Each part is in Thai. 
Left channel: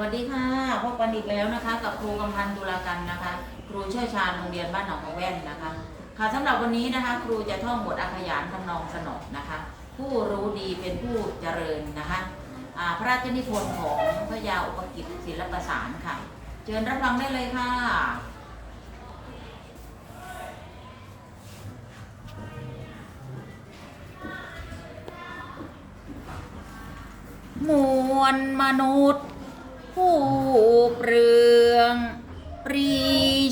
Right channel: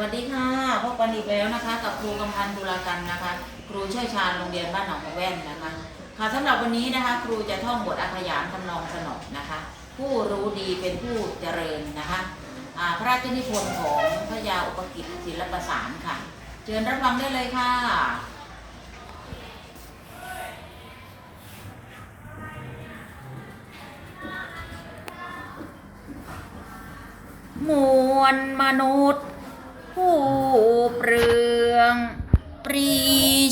วัสดีค่ะพบกันอีกแล้วนะคะ กับครูกำพันธ์ตุลากันนะคะ ครูเชี่ยวชาญโรงเรียนบ้านหนองพะแว่นนะคะ ค่ะสำหรับวันนี้นะคะ ครูจะท่องบทอาขยานทำนองสนอนะคะ ผู้รู้ดีเป็นผู้เจริญนะคะพระราชนิพนธ์ของพระยาอุปกิจศิลปสารค่ะ เชิญรับฟังได้เลยค่ะมวลมนุษย์ ผู้เปลือง ปรี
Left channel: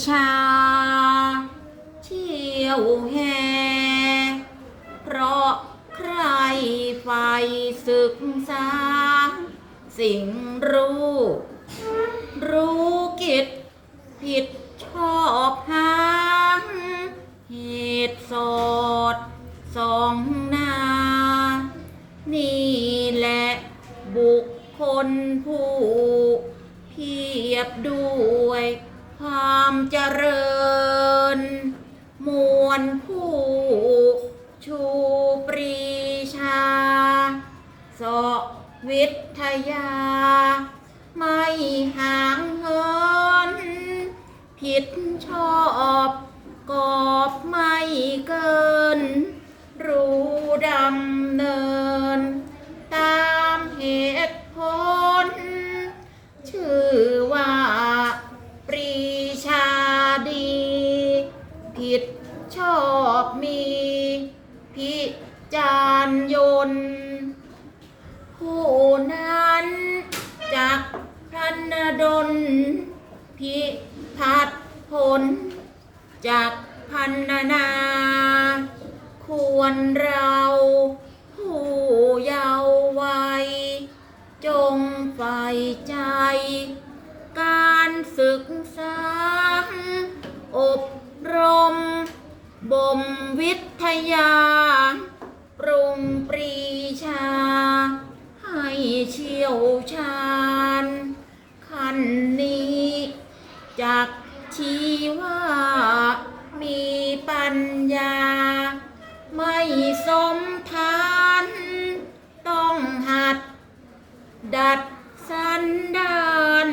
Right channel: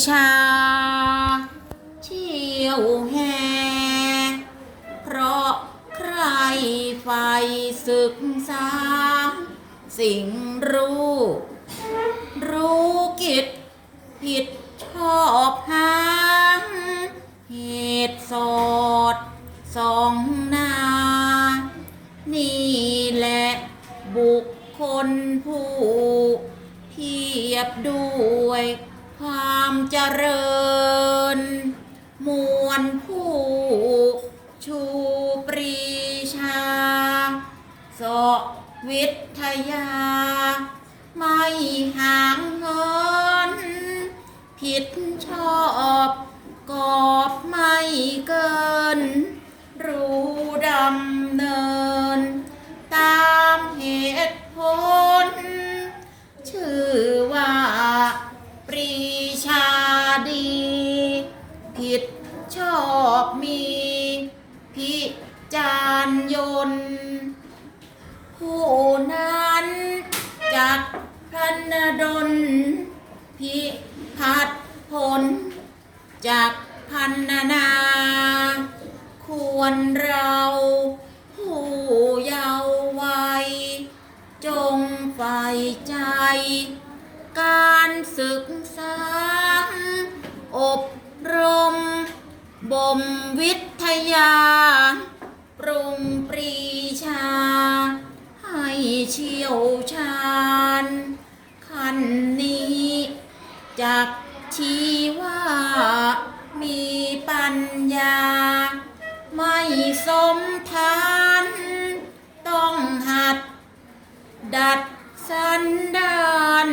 ชา เชี่ยวแหงเพราะใครไฟศึกษา สิ่งรู้ รู้กิจผิดชอบหางเหตุสอดสองนา นี่แหละบุค คลผู้เพียบด้วยความเจริญ มวลผู้ชูปรีชาสวิทยา ไม่ห่างเหิน ผิดชอบ กอบไม่เกิน จารยนต์ผู้นั้นจักพันดลพิพัฒผลจากพันนา ควรเราผู้เยาว์วัย จงใฝ่ใจ การศึกษา อบรม บ่มวิทยา นนี้จากชีว่ามีปัญญา ไม่สมทานต้องหัด ดัดสันดาน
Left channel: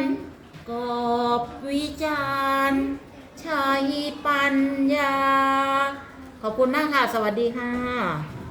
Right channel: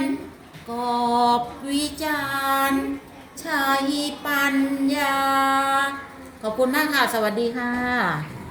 กอบวิจารณ์ใช้ปัญญา ขอบคุณมากค่ะ สวัสดีค่ะ